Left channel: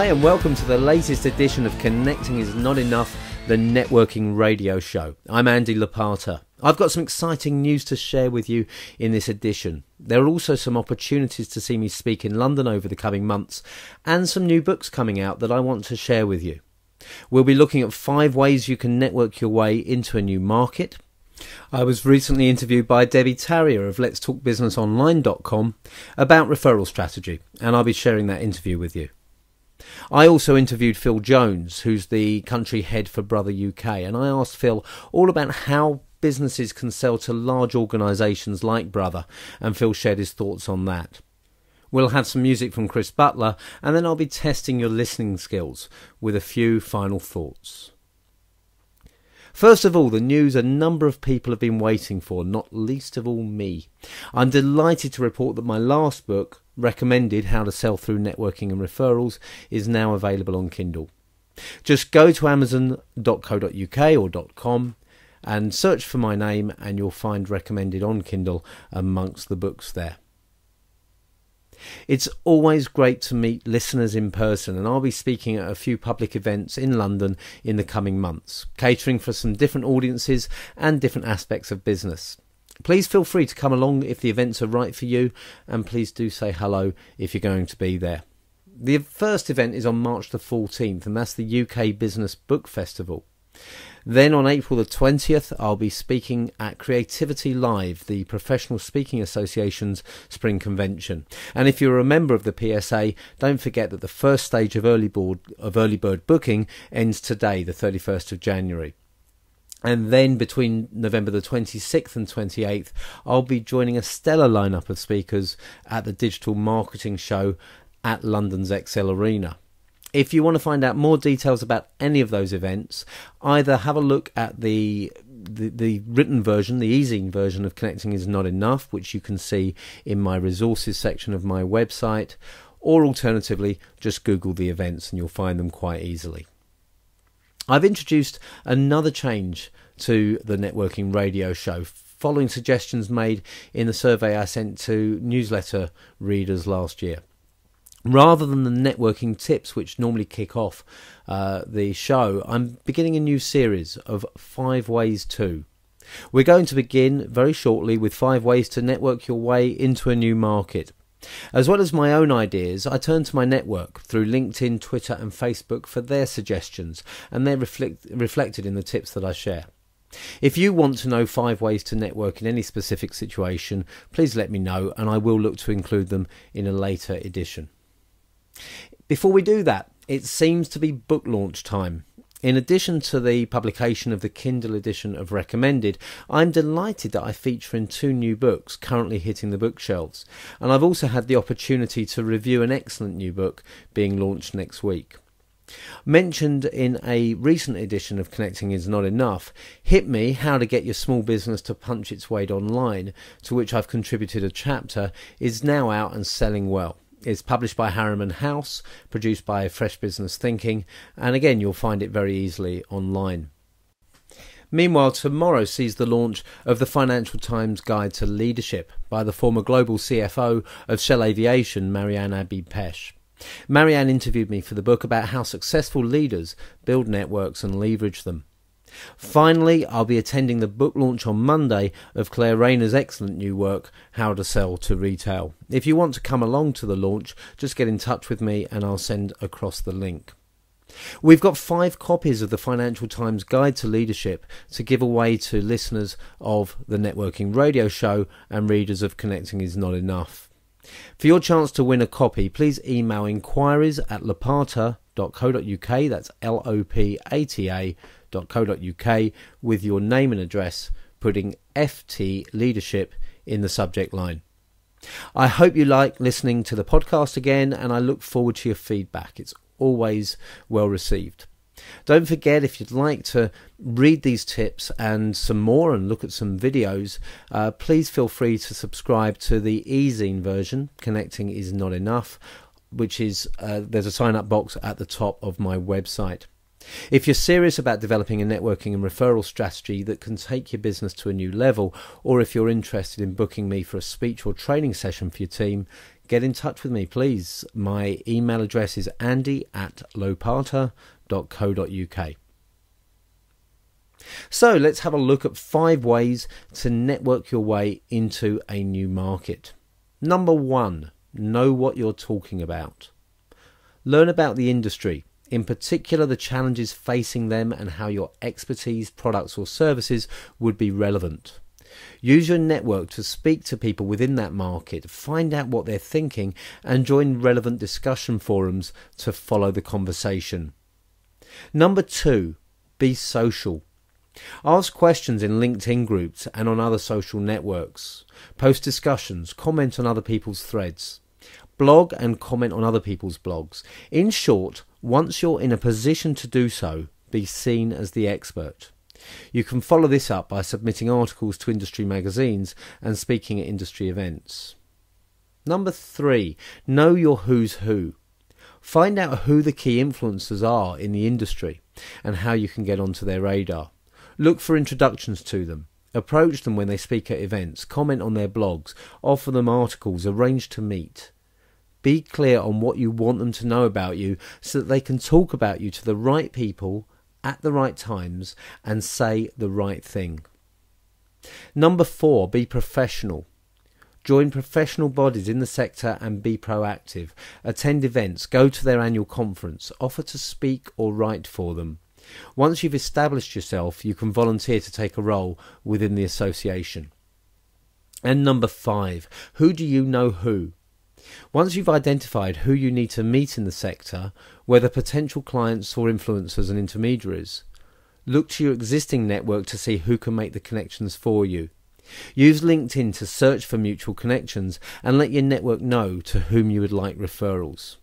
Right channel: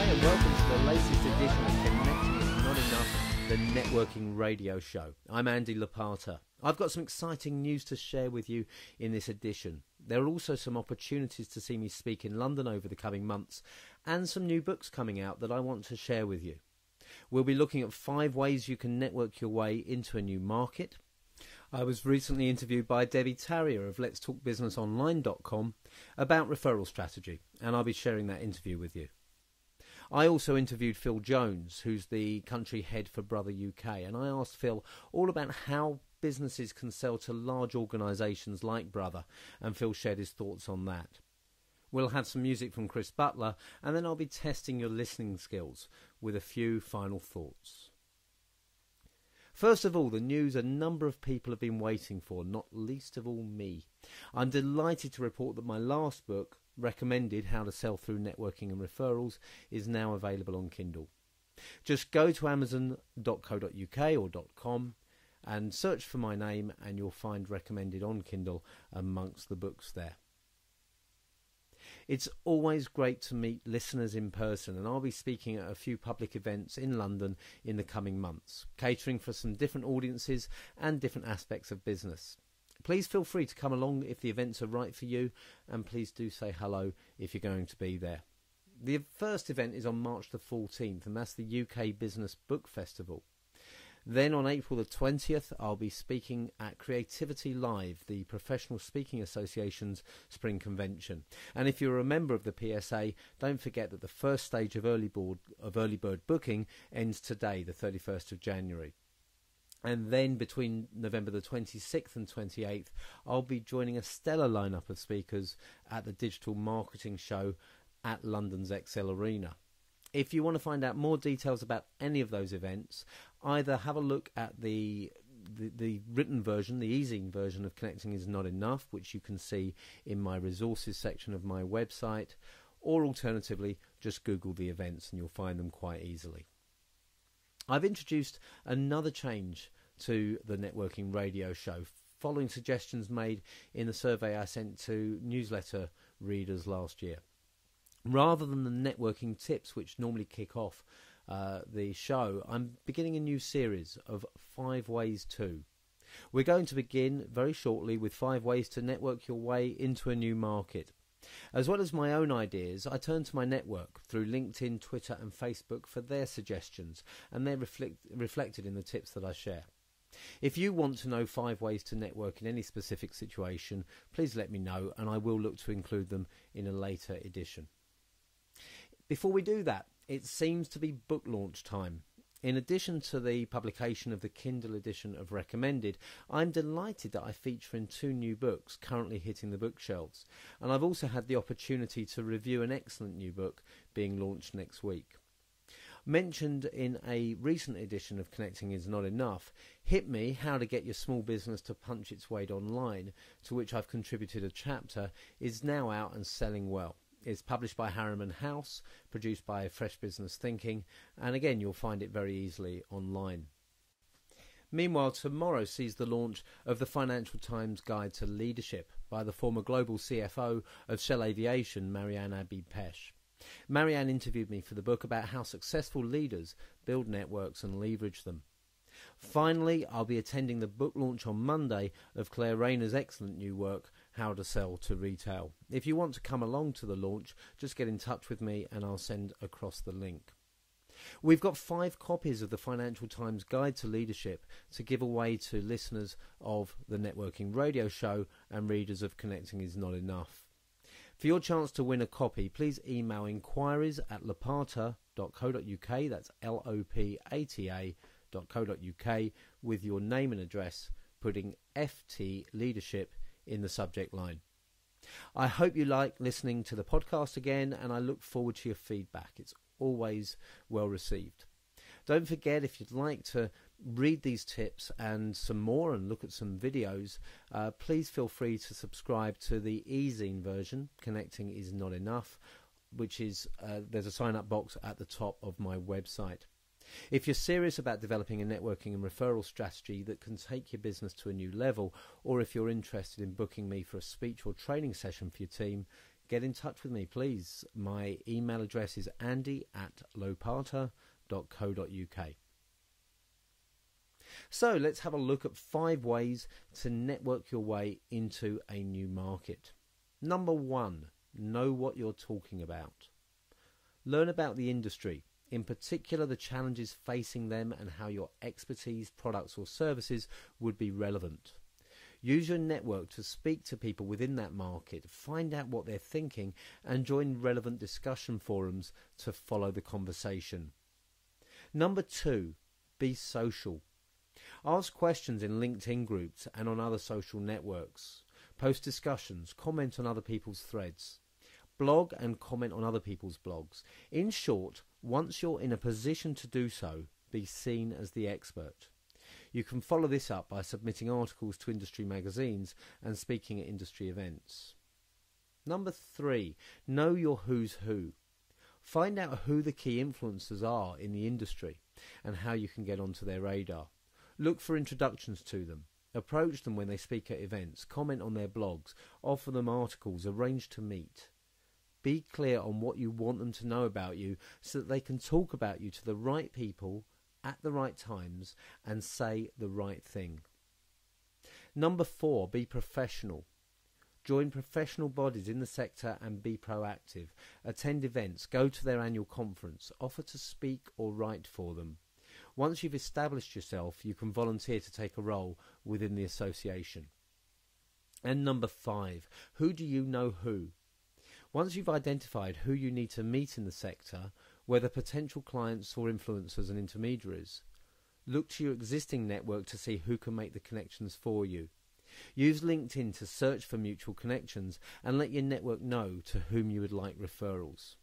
Hi and welcome to the latest edition of Connecting Is Not Enough, the networking radio show. I'm Andy Lapata. I've got some exciting news to share with you in this edition. There are also some opportunities to see me speak in London over the coming months and some new books coming out that I want to share with you. We'll be looking at 5 ways you can network your way into a new market. I was recently interviewed by Debbie Tarrier of letstalkbusinessonline.com about referral strategy, and I'll be sharing that interview with you. I also interviewed Phil Jones, who's the country head for Brother UK, and I asked Phil all about how businesses can sell to large organisations like Brother, and Phil shared his thoughts on that. We'll have some music from Chris Butler, and then I'll be testing your listening skills with a few final thoughts. First of all, the news a number of people have been waiting for, not least of all me. I'm delighted to report that my last book, Recommended: How to Sell Through Networking and Referrals, is now available on Kindle. Just go to amazon.co.uk or .com and search for my name and you'll find Recommended on Kindle amongst the books there. It's always great to meet listeners in person, and I'll be speaking at a few public events in London in the coming months, catering for some different audiences and different aspects of business. Please feel free to come along if the events are right for you, and please do say hello if you're going to be there. The first event is on March the 14th, and that's the UK Business Book Festival. Then on April the 20th, I'll be speaking at Creativity Live, the Professional Speaking Association's spring convention. And if you're a member of the PSA, don't forget that the first stage of early bird booking ends today, the 31st of January. And then between November the 26th and 28th, I'll be joining a stellar lineup of speakers at the Digital Marketing Show at London's XL Arena. If you want to find out more details about any of those events, either have a look at the written version, the e-zine version of Connecting Is Not Enough, which you can see in my resources section of my website, or alternatively, just Google the events and you'll find them quite easily. I've introduced another change to the networking radio show, following suggestions made in the survey I sent to newsletter readers last year. Rather than the networking tips which normally kick off the show, I'm beginning a new series of 5 ways to. We're going to begin very shortly with 5 ways to network your way into a new market. As well as my own ideas, I turn to my network through LinkedIn, Twitter and Facebook for their suggestions, and they're reflected in the tips that I share. If you want to know 5 ways to network in any specific situation, please let me know and I will look to include them in a later edition. Before we do that, it seems to be book launch time. In addition to the publication of the Kindle edition of Recommended, I'm delighted that I feature in 2 new books currently hitting the bookshelves, and I've also had the opportunity to review an excellent new book being launched next week. Mentioned in a recent edition of Connecting Is Not Enough, Hit Me, How to Get Your Small Business to Punch Its Weight Online, to which I've contributed a chapter, is now out and selling well. It's published by Harriman House, produced by Fresh Business Thinking, and again you'll find it very easily online. Meanwhile, tomorrow sees the launch of the Financial Times Guide to Leadership by the former global CFO of Shell Aviation, Marianne Abbey-Pesh. Marianne interviewed me for the book about how successful leaders build networks and leverage them. Finally, I'll be attending the book launch on Monday of Claire Rayner's excellent new work, How to Sell to Retail. If you want to come along to the launch, just get in touch with me and I'll send across the link. We've got 5 copies of the Financial Times Guide to Leadership to give away to listeners of the Networking Radio Show and readers of Connecting Is Not Enough. For your chance to win a copy, please email inquiries@lopata.co.uk, that's LOPATA.co.uk, with your name and address, putting FT Leadership in the subject line. I hope you like listening to the podcast again, and I look forward to your feedback. It's always well received. Don't forget, if you'd like to read these tips and some more and look at some videos, please feel free to subscribe to the e-zine version, Connecting Is Not Enough, which is there's a sign-up box at the top of my website. If you're serious about developing a networking and referral strategy that can take your business to a new level, or if you're interested in booking me for a speech or training session for your team, get in touch with me, please. My email address is andy@lopata.co.uk. So let's have a look at 5 ways to network your way into a new market. Number 1, know what you're talking about. Learn about the industry, in particular the challenges facing them and how your expertise, products or services would be relevant. Use your network to speak to people within that market, find out what they're thinking and join relevant discussion forums to follow the conversation. Number 2, be social. Ask questions in LinkedIn groups and on other social networks. Post discussions, comment on other people's threads. Blog and comment on other people's blogs. In short, once you're in a position to do so, be seen as the expert. You can follow this up by submitting articles to industry magazines and speaking at industry events. Number 3, know your who's who. Find out who the key influencers are in the industry and how you can get onto their radar. Look for introductions to them. Approach them when they speak at events, comment on their blogs, offer them articles, arrange to meet. Be clear on what you want them to know about you so that they can talk about you to the right people at the right times and say the right thing. Number 4, be professional. Join professional bodies in the sector and be proactive. Attend events, go to their annual conference, offer to speak or write for them. Once you've established yourself, you can volunteer to take a role within the association. And number 5, who do you know who? Once you've identified who you need to meet in the sector, whether potential clients or influencers and intermediaries, look to your existing network to see who can make the connections for you. Use LinkedIn to search for mutual connections and let your network know to whom you would like referrals.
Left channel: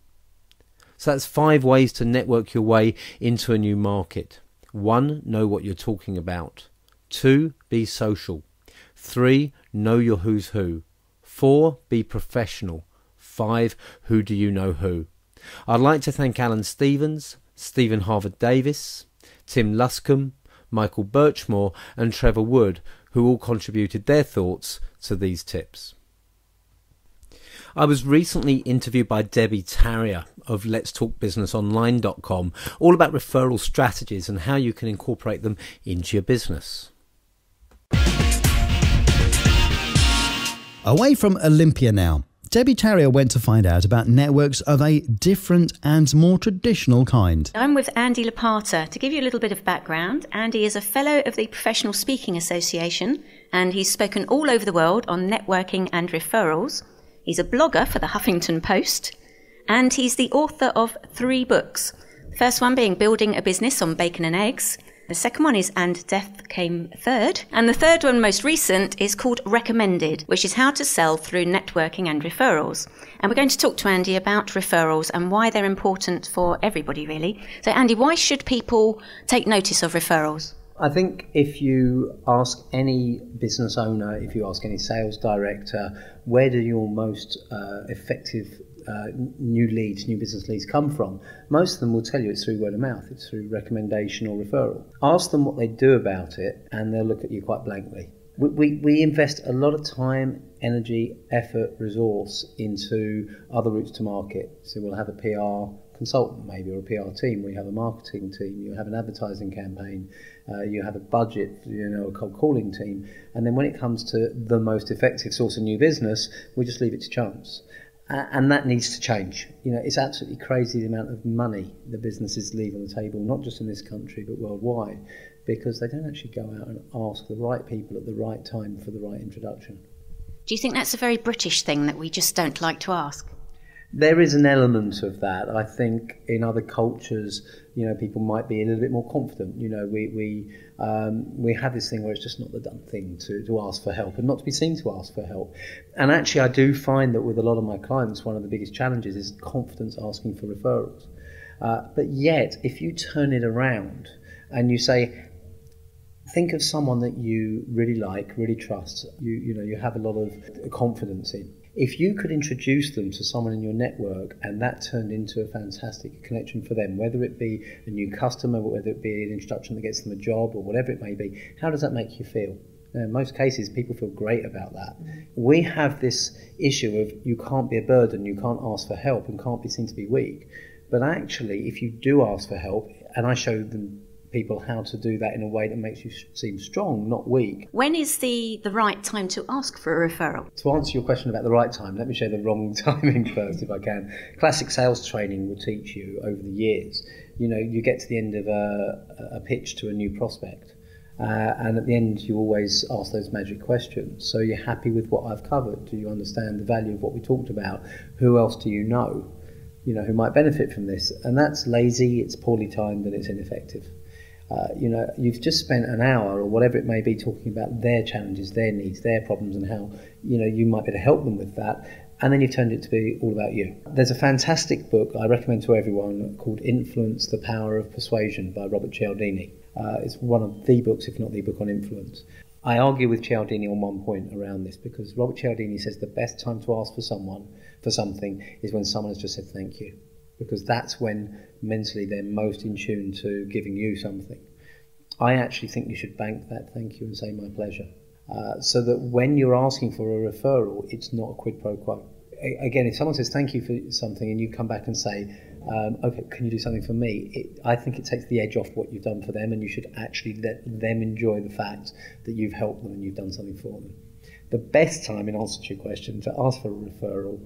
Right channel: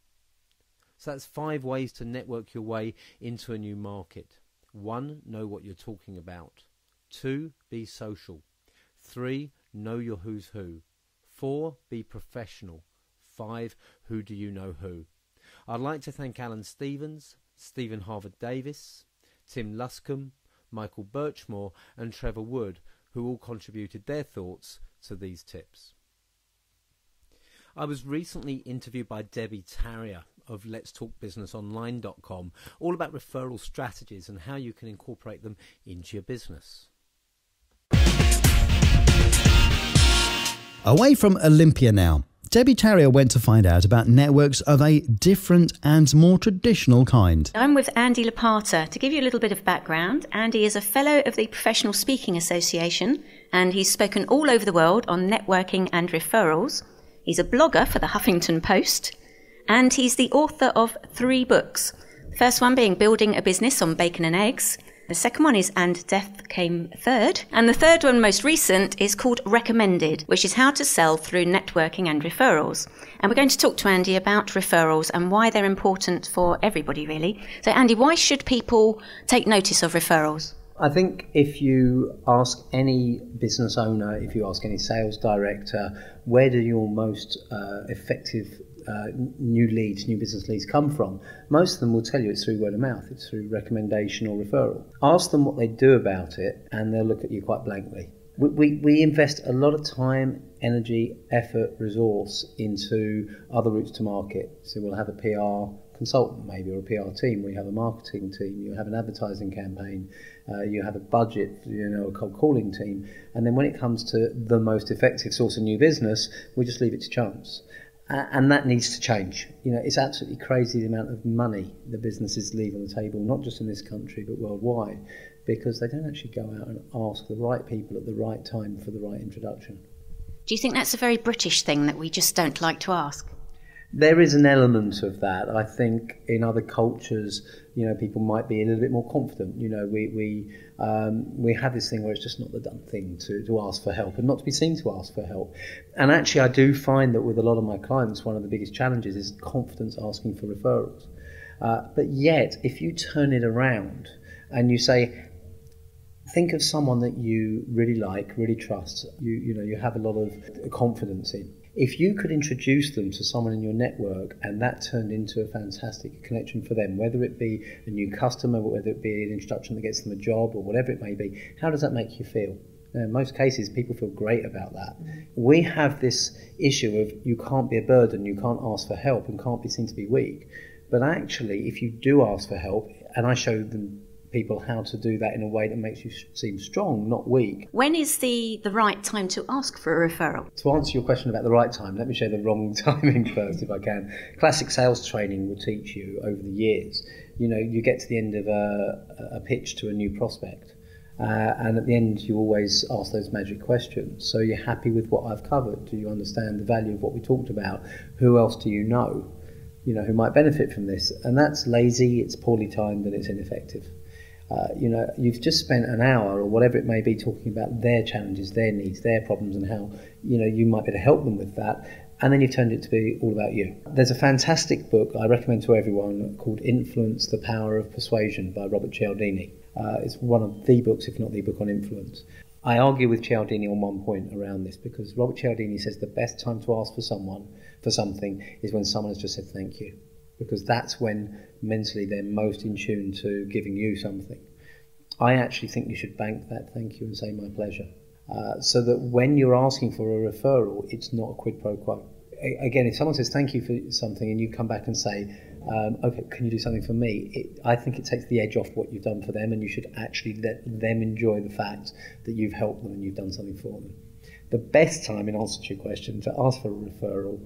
So that's 5 ways to network your way into a new market. 1, know what you're talking about. 2, be social. 3, know your who's who. 4, be professional. 5, who do you know who? I'd like to thank Alan Stevens, Stephen Harvard-Davis, Tim Luscombe, Michael Birchmore and Trevor Wood, who all contributed their thoughts to these tips. I was recently interviewed by Debbie Tarrier of letstalkbusinessonline.com, all about referral strategies and how you can incorporate them into your business. Away from Olympia now. Debbie Tarrier went to find out about networks of a different and more traditional kind. I'm with Andy Lopata. To give you a little bit of background, Andy is a fellow of the Professional Speaking Association and he's spoken all over the world on networking and referrals. He's a blogger for the Huffington Post and he's the author of 3 books. The first one being Building a Business on Bacon and Eggs. The second one is And Death Came Third. And the third one, most recent, is called Recommended, which is how to sell through networking and referrals. And we're going to talk to Andy about referrals and why they're important for everybody, really. So, Andy, why should people take notice of referrals? I think if you ask any business owner, if you ask any sales director, where do your most effective new business leads come from? Most of them will tell you it's through word of mouth, it's through recommendation or referral. Ask them what they do about it and they'll look at you quite blankly. We invest a lot of time, energy, effort, resource into other routes to market. So we'll have a PR consultant maybe or a PR team, we have a marketing team, you have an advertising campaign, you have a budget, a cold calling team, and then when it comes to the most effective source of new business, we just leave it to chance. And that needs to change. It's absolutely crazy the amount of money the businesses leave on the table, not just in this country but worldwide, because they don't actually go out and ask the right people at the right time for the right introduction. Do you think that's a very British thing that we just don't like to ask? There is an element of that. I think in other cultures, people might be a little bit more confident. We have this thing where it's just not the done thing to ask for help and not to be seen to ask for help. And actually, I do find that with a lot of my clients, one of the biggest challenges is confidence asking for referrals. But yet, if you turn it around and you say, think of someone that you really like, really trust, you have a lot of confidence in. If you could introduce them to someone in your network and that turned into a fantastic connection for them, whether it be a new customer, whether it be an introduction that gets them a job or whatever it may be, how does that make you feel? Now, in most cases, people feel great about that. We have this issue of you can't be a burden, you can't ask for help and can't be seen to be weak. But actually, if you do ask for help, and I show them people how to do that in a way that makes you seem strong, not weak. When is the right time to ask for a referral? To answer your question about the right time, let me show the wrong timing first, if I can. Classic sales training will teach you over the years. You know, you get to the end of a pitch to a new prospect, and at the end you always ask those magic questions. So you're happy with what I've covered? Do you understand the value of what we talked about? Who else do you know who might benefit from this? And that's lazy, it's poorly timed, and it's ineffective. You've just spent an hour or whatever it may be talking about their challenges, their needs, their problems, and how you might be able to help them with that, and then you've turned it to be all about you. There's a fantastic book I recommend to everyone called Influence, the Power of Persuasion by Robert Cialdini. It's one of the books, if not the book, on influence. I argue with Cialdini on one point around this, because Robert Cialdini says the best time to ask for something is when someone has just said thank you, because that's when mentally they're most in tune to giving you something. I actually think you should bank that thank you and say my pleasure, so that when you're asking for a referral, it's not a quid pro quo. Again, if someone says thank you for something and you come back and say, okay, can you do something for me? I think it takes the edge off what you've done for them, and you should actually let them enjoy the fact that you've helped them and you've done something for them. The best time, in answer to your question, to ask for a referral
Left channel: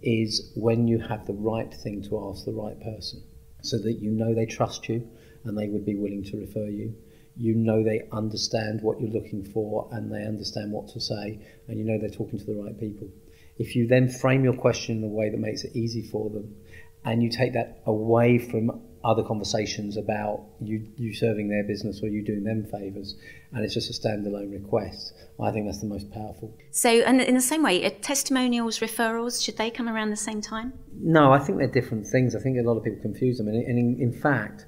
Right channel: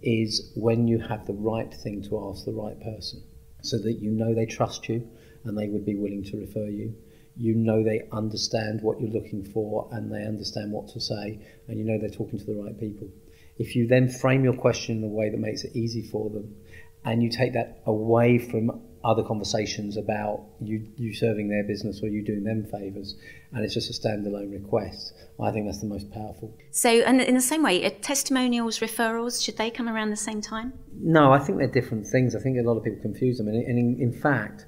is when you have the right thing to ask the right person, so that they trust you and they would be willing to refer you. They understand what you're looking for and they understand what to say, and they're talking to the right people. If you then frame your question in a way that makes it easy for them, and you take that away from other conversations about you serving their business or you doing them favours, and it's just a standalone request, I think that's the most powerful. So, and in the same way, testimonials, referrals, should they come around the same time? No, I think they're different things. I think a lot of people confuse them, and in fact,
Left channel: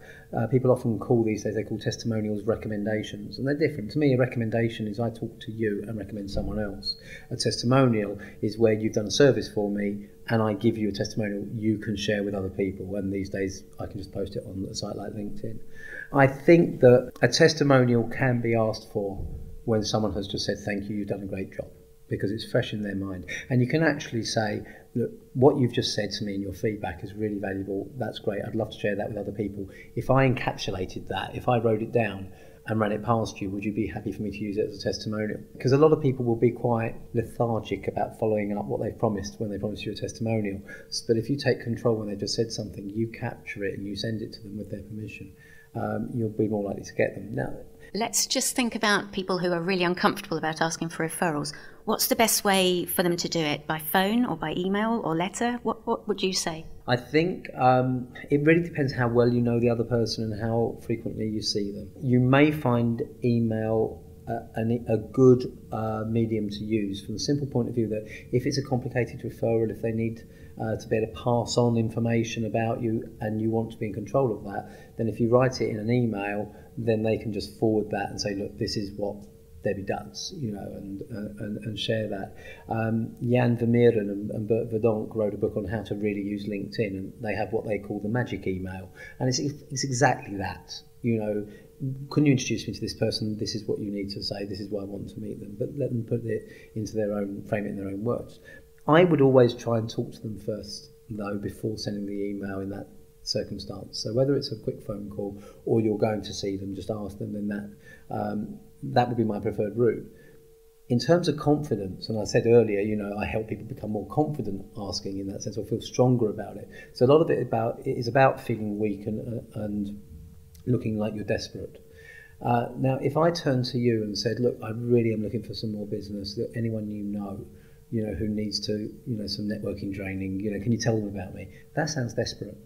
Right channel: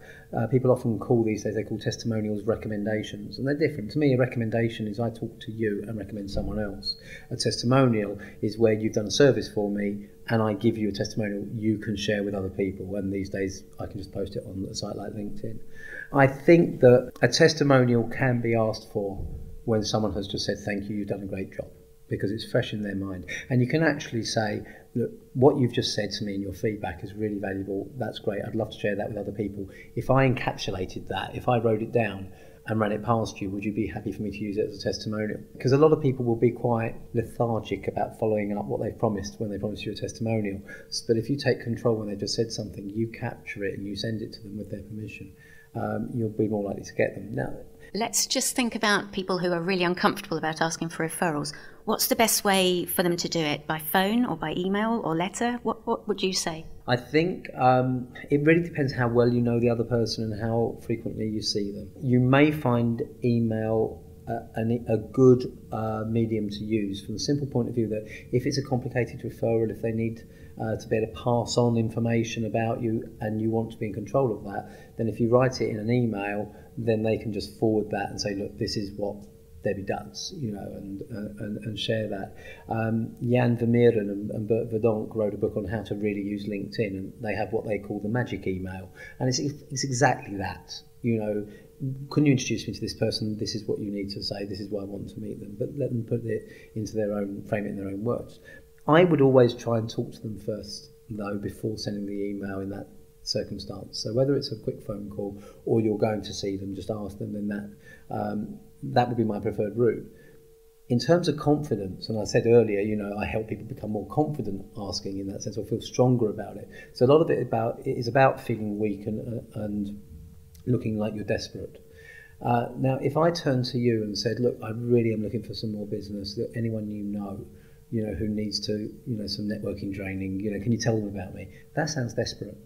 people often call these days, they call testimonials recommendations, and they're different. To me, a recommendation is I talk to you and recommend someone else. A testimonial is where you've done a service for me and I give you a testimonial you can share with other people, and these days I can just post it on a site like LinkedIn. I think that a testimonial can be asked for when someone has just said thank you, you've done a great job, because it's fresh in their mind. And you can actually say, look, what you've just said to me and your feedback is really valuable, that's great, I'd love to share that with other people. If I encapsulated that, if I wrote it down and ran it past you, would you be happy for me to use it as a testimonial? Because a lot of people will be quite lethargic about following up what they've promised when they promise you a testimonial. But if you take control when they've just said something, you capture it and you send it to them with their permission, you'll be more likely to get them. Now, let's just think about people who are really uncomfortable about asking for referrals. What's the best way for them to do it? By phone or by email or letter? What would you say? I think it really depends how well you know the other person and how frequently you see them. You may find email a good medium to use from the simple point of view that if it's a complicated referral, if they need to be able to pass on information about you and you want to be in control of that, then if you write it in an email, then they can just forward that and say, look, this is what Debbie does, and share that. Jan Vermeeren and Bert Verdonk wrote a book on how to really use LinkedIn, and they have what they call the magic email, and it's exactly that. Can you introduce me to this person? This is what you need to say. This is why I want to meet them. But let them put it into frame it in their own words. I would always try and talk to them first, though, before sending the email in that circumstance. So whether it's a quick phone call or you're going to see them, just ask them. Then that would be my preferred route. In terms of confidence, and I said earlier, I help people become more confident asking in that sense, or feel stronger about it. So a lot of it is about feeling weak and looking like you're desperate. Now, if I turned to you and said, look, I really am looking for some more business, that anyone who needs to, some networking training, can you tell them about me? That sounds desperate.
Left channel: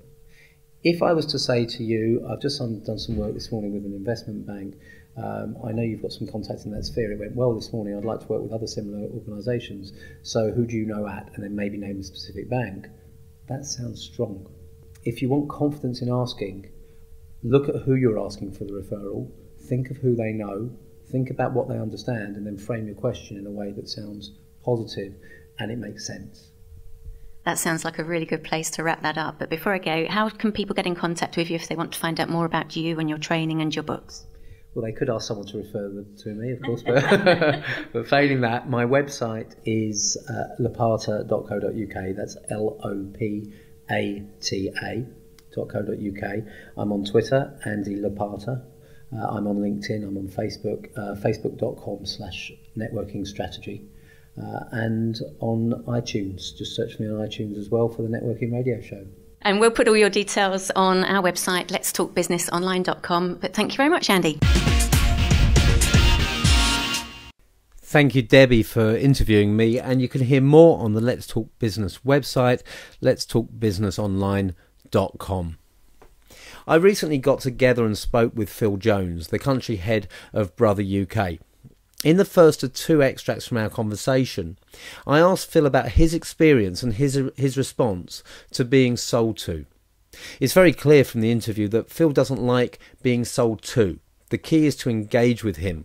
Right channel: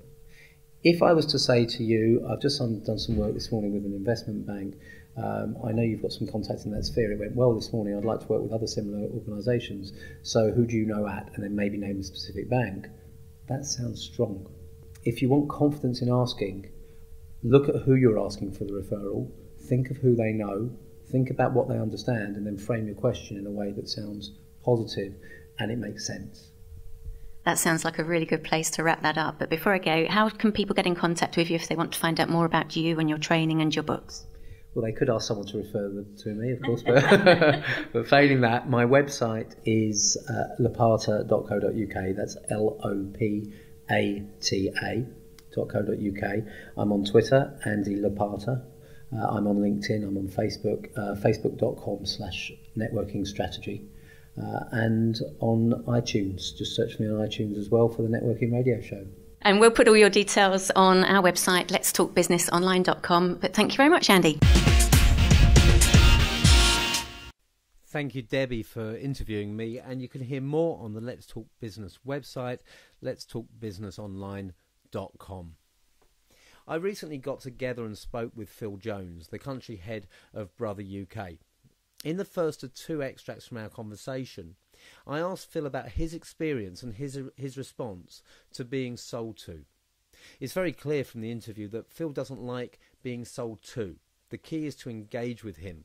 If I was to say to you, I've just done some work this morning with an investment bank, I know you've got some contacts in that sphere, it went well this morning, I'd like to work with other similar organisations, so who do you know at? And then maybe name a specific bank. That sounds strong. If you want confidence in asking, look at who you're asking for the referral, think of who they know, think about what they understand, and then frame your question in a way that sounds positive and it makes sense. That sounds like a really good place to wrap that up. But before I go, how can people get in contact with you if they want to find out more about you and your training and your books? Well, they could ask someone to refer them to me, of course, but, but failing that, my website is lopata.co.uk. That's lopata.co.uk. I'm on Twitter, Andy Lopata. I'm on LinkedIn. I'm on Facebook, facebook.com/networking strategy. And on iTunes. Just search me on iTunes as well for the Networking Radio Show. And we'll put all your details on our website, letstalkbusinessonline.com. But thank you very much, Andy. Thank you, Debbie, for interviewing me. And you can hear more on the Let's Talk Business website, letstalkbusinessonline.com. I recently got together and spoke with Phil Jones, the country head of Brother UK. In the first of two extracts from our conversation, I asked Phil about his experience and his response to being sold to. It's very clear from the interview that Phil doesn't like being sold to. The key is to engage with him.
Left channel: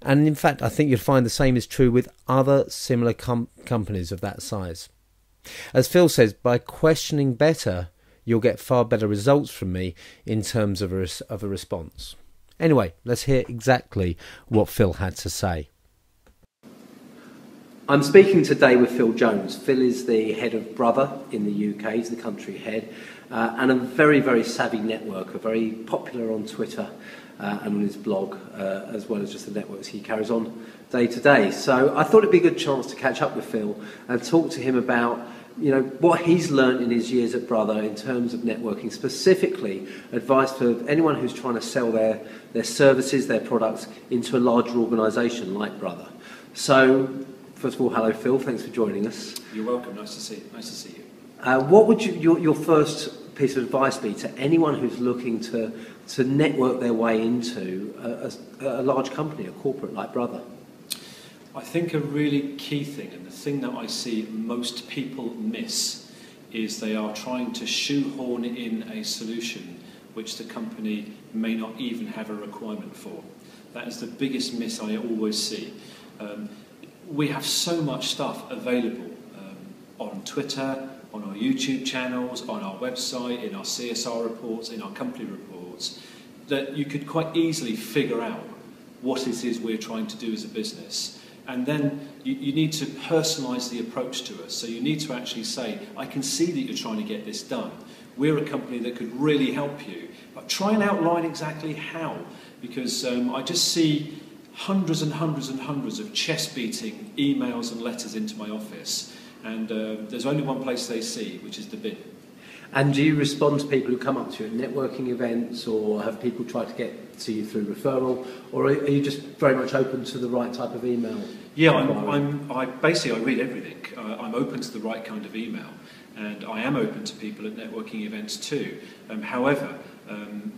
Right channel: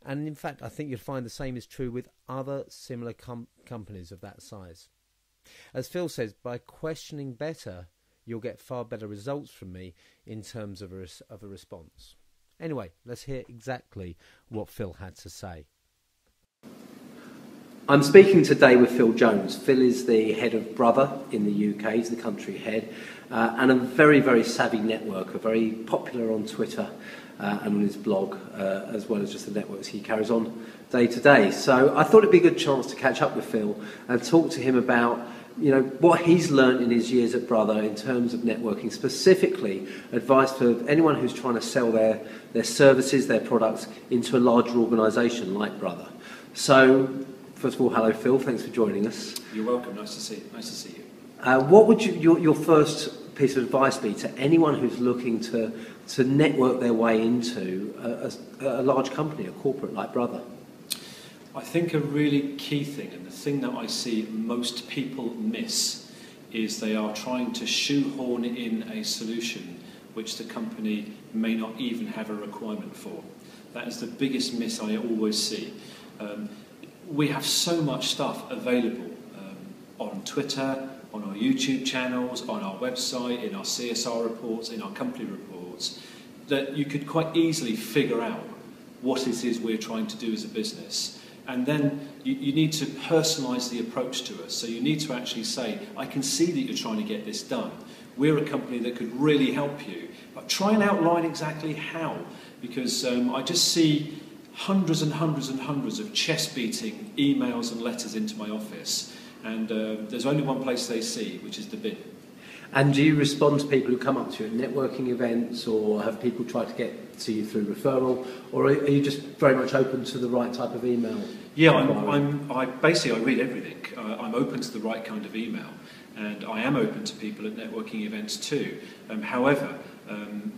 And in fact, I think you'll find the same is true with other similar companies of that size. As Phil says, by questioning better, you'll get far better results from me in terms of a response. Anyway, let's hear exactly what Phil had to say. I'm speaking today with Phil Jones. Phil is the head of Brother in the UK. He's the country head and a very, very savvy networker, very popular on Twitter and on his blog, as well as just the networks he carries on day to day. So I thought it'd be a good chance to catch up with Phil and talk to him about what he's learned in his years at Brother in terms of networking, specifically advice for anyone who's trying to sell their services, their products into a larger organisation like Brother. So, first of all, hello Phil, thanks for joining us. You're welcome, nice to see you. What would your first piece of advice be to anyone who's looking to network their way into a large company, a corporate like Brother? I think a really key thing, and the thing that I see most people miss, is they are trying to shoehorn in a solution which the company may not even have a requirement for. That is the biggest miss I always see. We have so much stuff available on Twitter, on our YouTube channels, on our website, in our CSR reports, in our company reports, that you could quite easily figure out what it is we're trying to do as a business. And then you need to personalise the approach to us. So you need to actually say, I can see that you're trying to get this done. We're a company that could really help you. But try and outline exactly how. Because I just see hundreds and hundreds and hundreds of chest-beating emails and letters into my office. And there's only one place they see, which is the bin. And do you respond to people who come up to you at networking events, or have people tried to get to you through referral, or are you just very much open to the right type of email? Yeah, I basically read everything. I'm open to the right kind of email, and I am open to people at networking events too. However,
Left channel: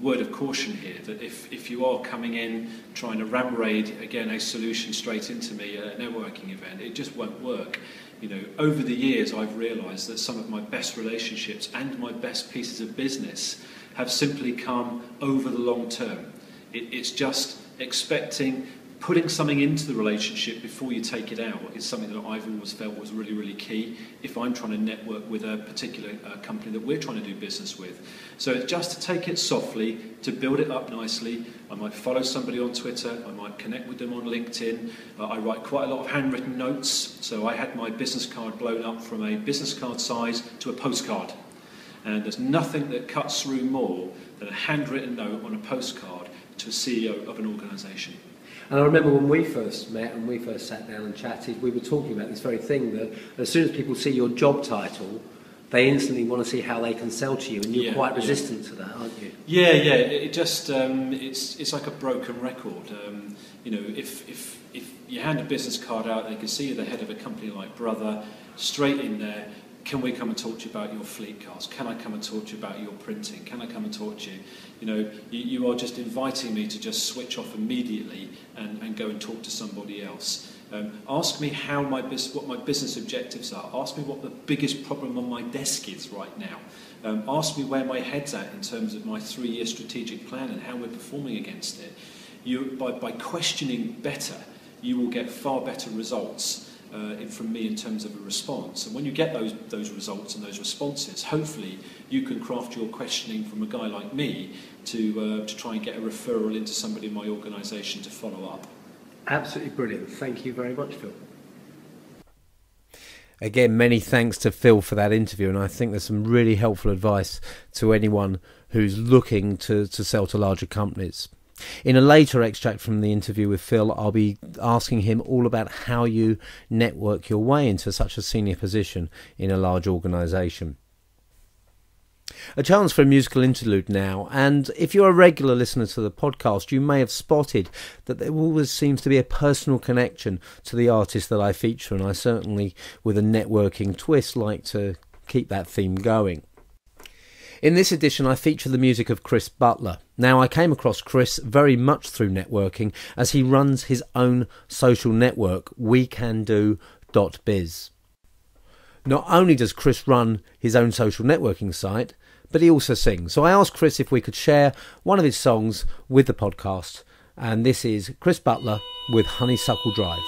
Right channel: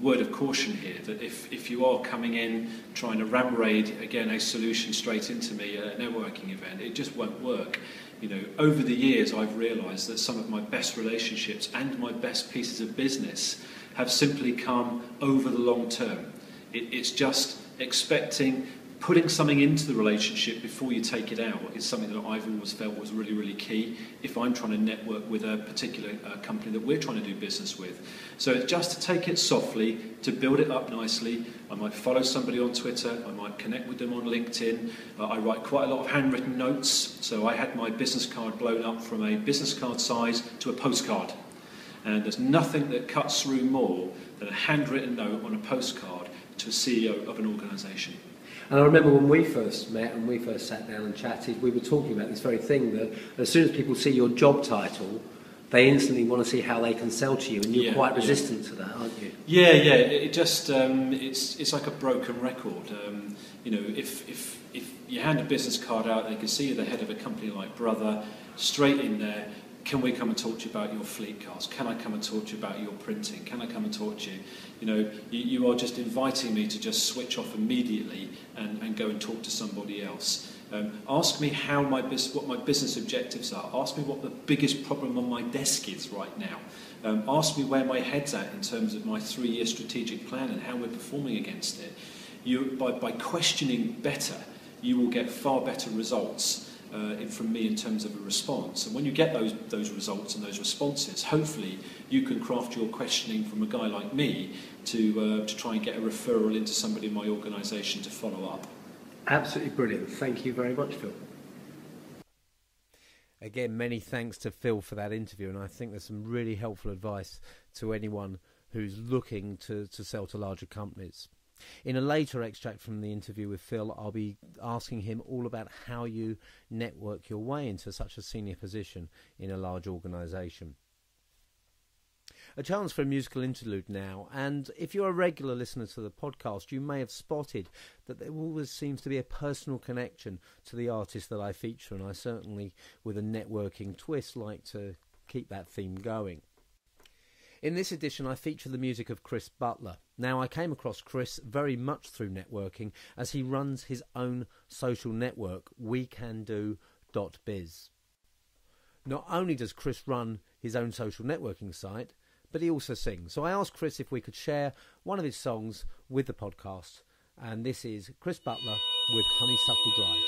word of caution here, that if you are coming in trying to ram raid, again, a solution straight into me at a networking event, it just won't work. Over the years, I've realised that some of my best relationships and my best pieces of business have simply come over the long term. It's just putting something into the relationship before you take it out is something that I've always felt was really, really key if I'm trying to network with a particular company that we're trying to do business with. So it's just to take it softly, to build it up nicely. I might follow somebody on Twitter, I might connect with them on LinkedIn. I write quite a lot of handwritten notes, so I had my business card blown up from a business card size to a postcard. And there's nothing that cuts through more than a handwritten note on a postcard to a CEO of an organisation. And I remember when we first met and we first sat down and chatted, we were talking about this very thing, that as soon as people see your job title, they instantly want to see how they can sell to you, and you're quite resistant to that, aren't you? Yeah. It just it's like a broken record. If you hand a business card out, they can see you're the head of a company like Brother, straight in there. Can we come and talk to you about your fleet cars? Can I come and talk to you about your printing? Can I come and talk to you? You are just inviting me to just switch off immediately and go and talk to somebody else. Ask me what my business objectives are. Ask me what the biggest problem on my desk is right now. Ask me where my head's at in terms of my 3-year strategic plan and how we're performing against it. By questioning better, you will get far better results. from me in terms of a response. And when you get those results and those responses, hopefully you can craft your questioning from a guy like me to try and get a referral into somebody in my organisation to follow up. Absolutely brilliant. Thank you very much, Phil. Again, many thanks to Phil for that interview, and I think there's some really helpful advice to anyone who's looking to sell to larger companies. In a later extract from the interview with Phil, I'll be asking him all about how you network your way into such a senior position in a large organisation. A chance for a musical interlude now, and if you're a regular listener to the podcast, you may have spotted that there always seems to be a personal connection to the artist that I feature, and I certainly, with a networking twist, like to keep that theme going. In this edition, I feature the music of Chris Butler. Now, I came across Chris very much through networking, as he runs his own social network, WeCanDo.biz. Not only does Chris run his own social networking site, but he also sings. So I asked Chris if we could share one of his songs with the podcast, and this is Chris Butler with Honeysuckle Drive.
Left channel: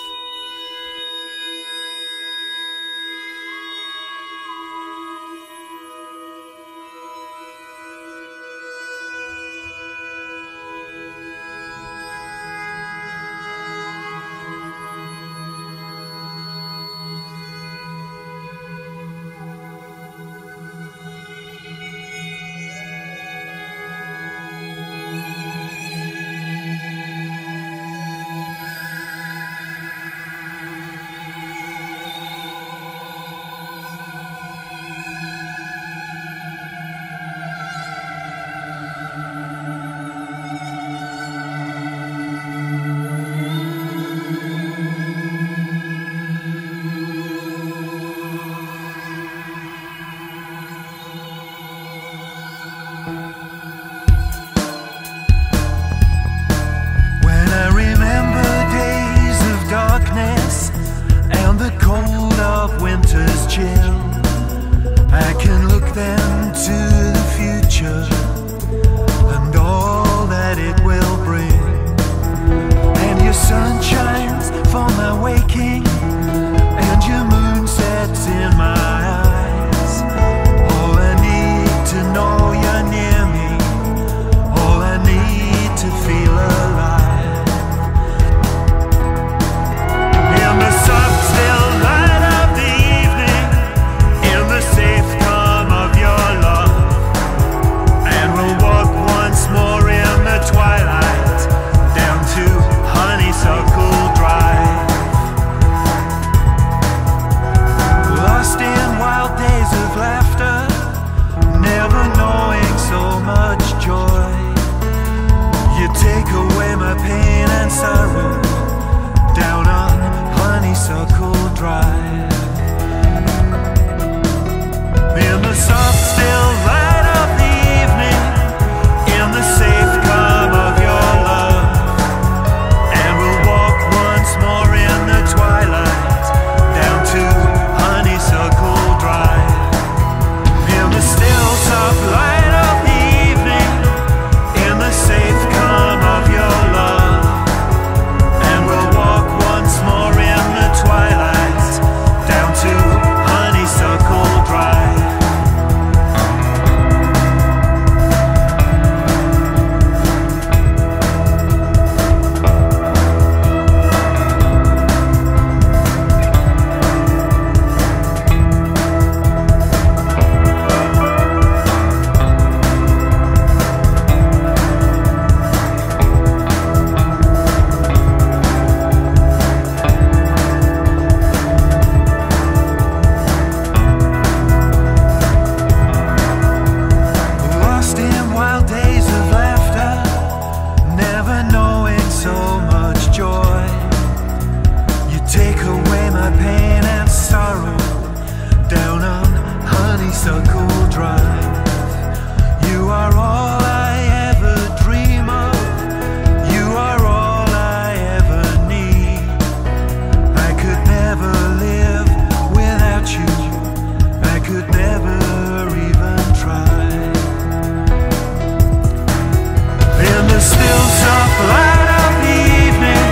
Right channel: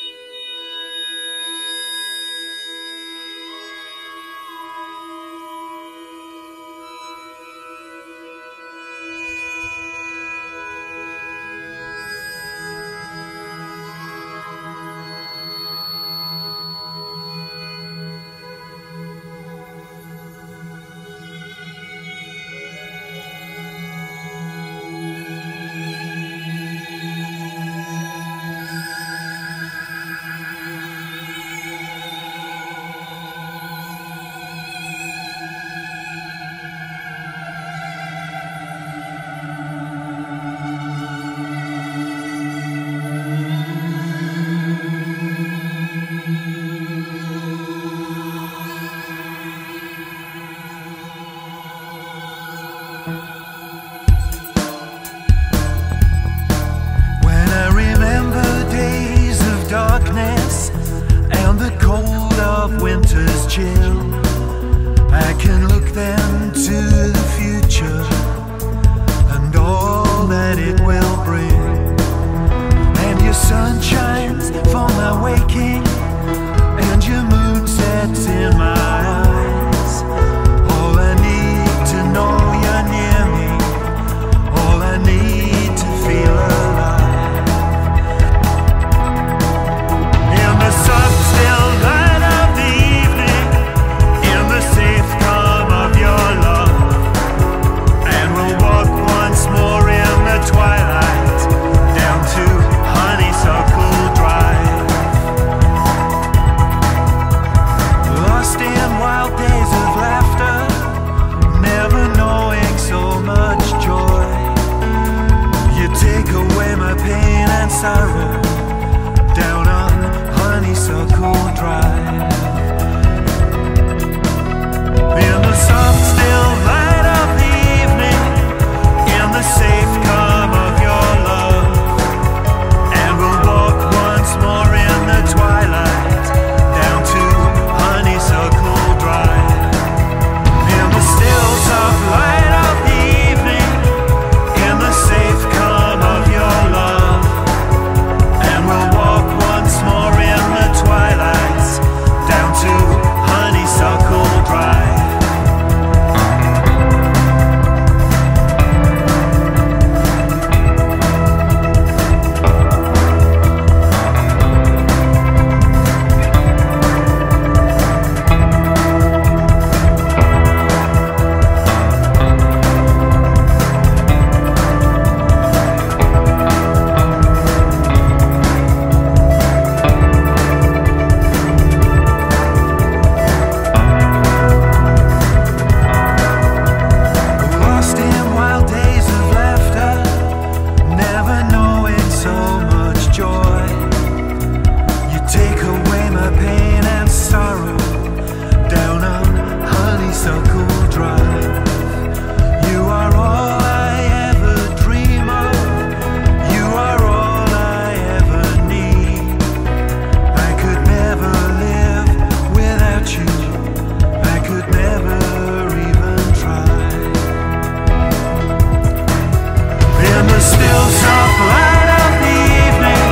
Light of the evening,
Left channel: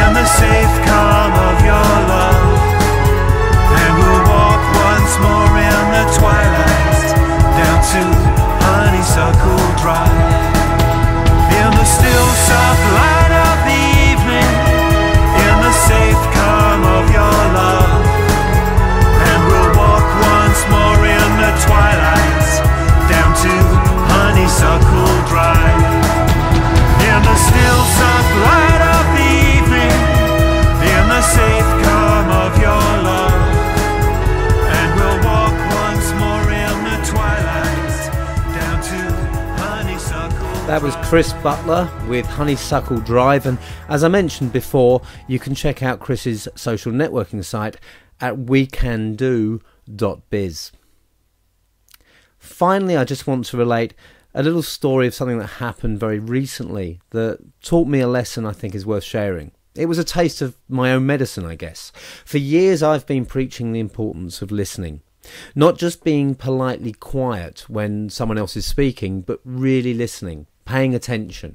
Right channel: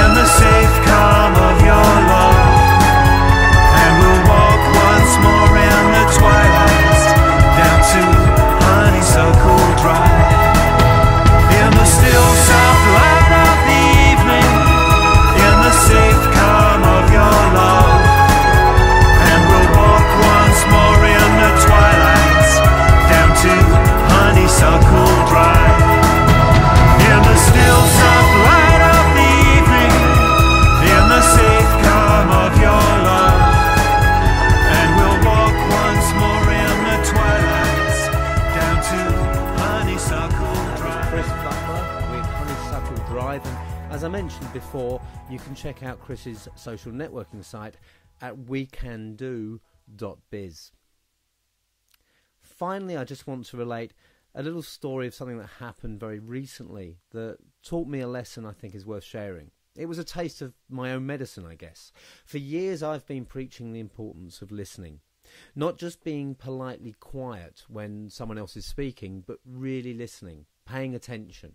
in the safe calm of your love. Chris Butler with Honeysuckle Drive, and as I mentioned before, you can check out Chris's social networking site at wecando.biz. Finally, I just want to relate a little story of something that happened very recently that taught me a lesson I think is worth sharing. It was a taste of my own medicine, I guess. For years I've been preaching the importance of listening. Not just being politely quiet when someone else is speaking, but really listening, paying attention.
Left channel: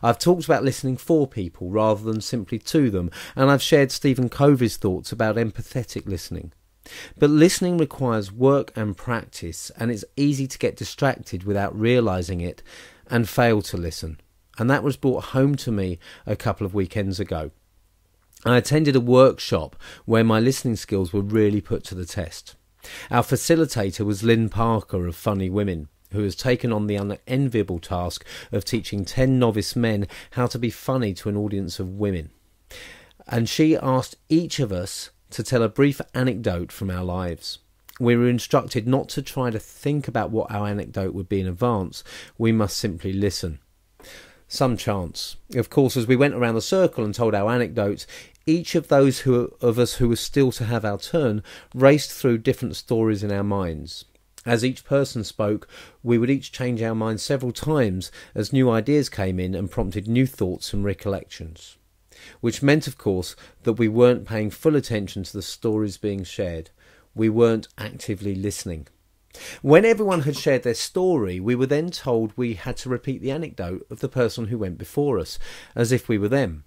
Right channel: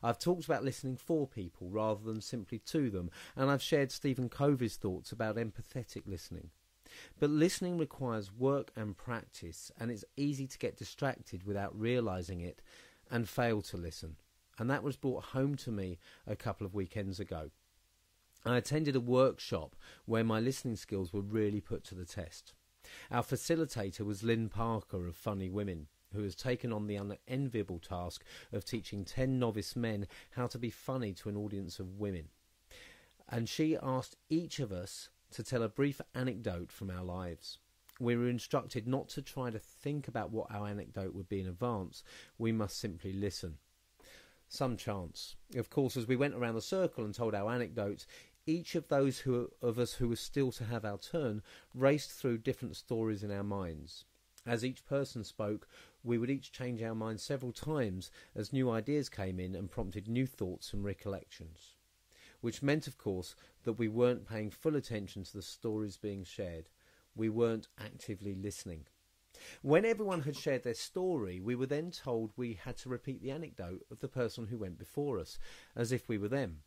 I've talked about listening for people rather than simply to them, and I've shared Stephen Covey's thoughts about empathetic listening. But listening requires work and practice, and it's easy to get distracted without realising it and fail to listen. And that was brought home to me a couple of weekends ago. I attended a workshop where my listening skills were really put to the test. Our facilitator was Lynn Parker of Funny Women, who has taken on the unenviable task of teaching 10 novice men how to be funny to an audience of women. And she asked each of us to tell a brief anecdote from our lives. We were instructed not to try to think about what our anecdote would be in advance. We must simply listen. Some chance. Of course, as we went around the circle and told our anecdotes, each of those of us who were still to have our turn raced through different stories in our minds. As each person spoke, we would each change our minds several times as new ideas came in and prompted new thoughts and recollections. Which meant, of course, that we weren't paying full attention to the stories being shared. We weren't actively listening. When everyone had shared their story, we were then told we had to repeat the anecdote of the person who went before us, as if we were them.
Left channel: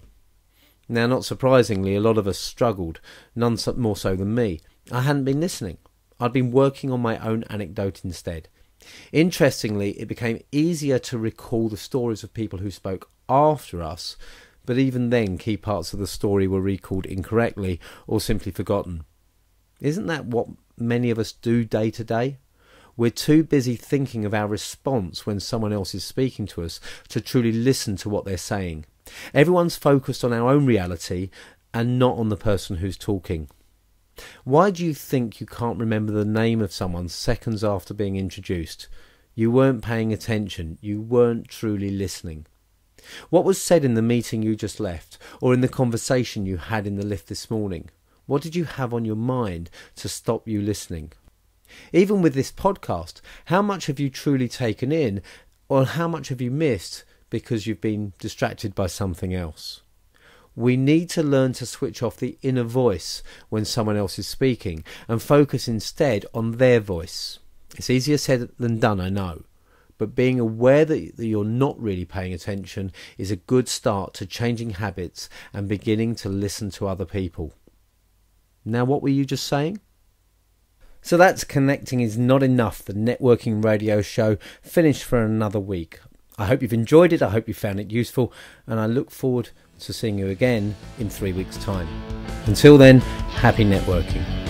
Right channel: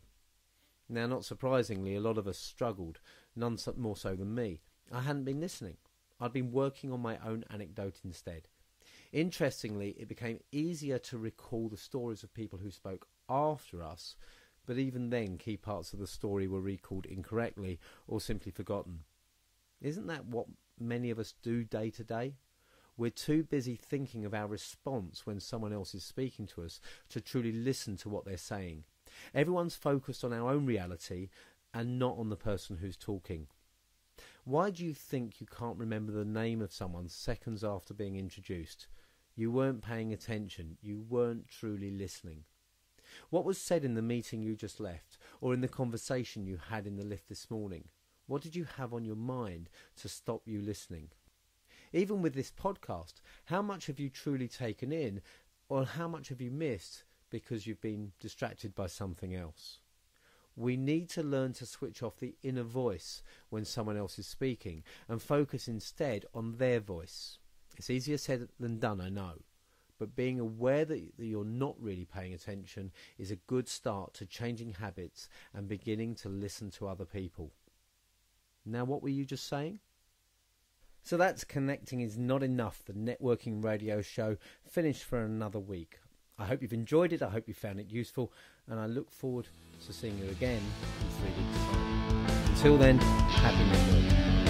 Now, not surprisingly, a lot of us struggled, none more so than me. I hadn't been listening. I'd been working on my own anecdote instead. Interestingly, it became easier to recall the stories of people who spoke after us, but even then key parts of the story were recalled incorrectly or simply forgotten. Isn't that what many of us do day to day? We're too busy thinking of our response when someone else is speaking to us to truly listen to what they're saying. Everyone's focused on our own reality and not on the person who's talking. Why do you think you can't remember the name of someone seconds after being introduced? You weren't paying attention. You weren't truly listening. What was said in the meeting you just left, or in the conversation you had in the lift this morning? What did you have on your mind to stop you listening? Even with this podcast, how much have you truly taken in, or how much have you missed because you've been distracted by something else? We need to learn to switch off the inner voice when someone else is speaking and focus instead on their voice. It's easier said than done, I know, but being aware that you're not really paying attention is a good start to changing habits and beginning to listen to other people. Now, what were you just saying? So that's Connecting is Not Enough, the networking radio show, finished for another week. I hope you've enjoyed it, I hope you found it useful, and I look forward to seeing you again in 3 weeks' time. Until then, happy networking.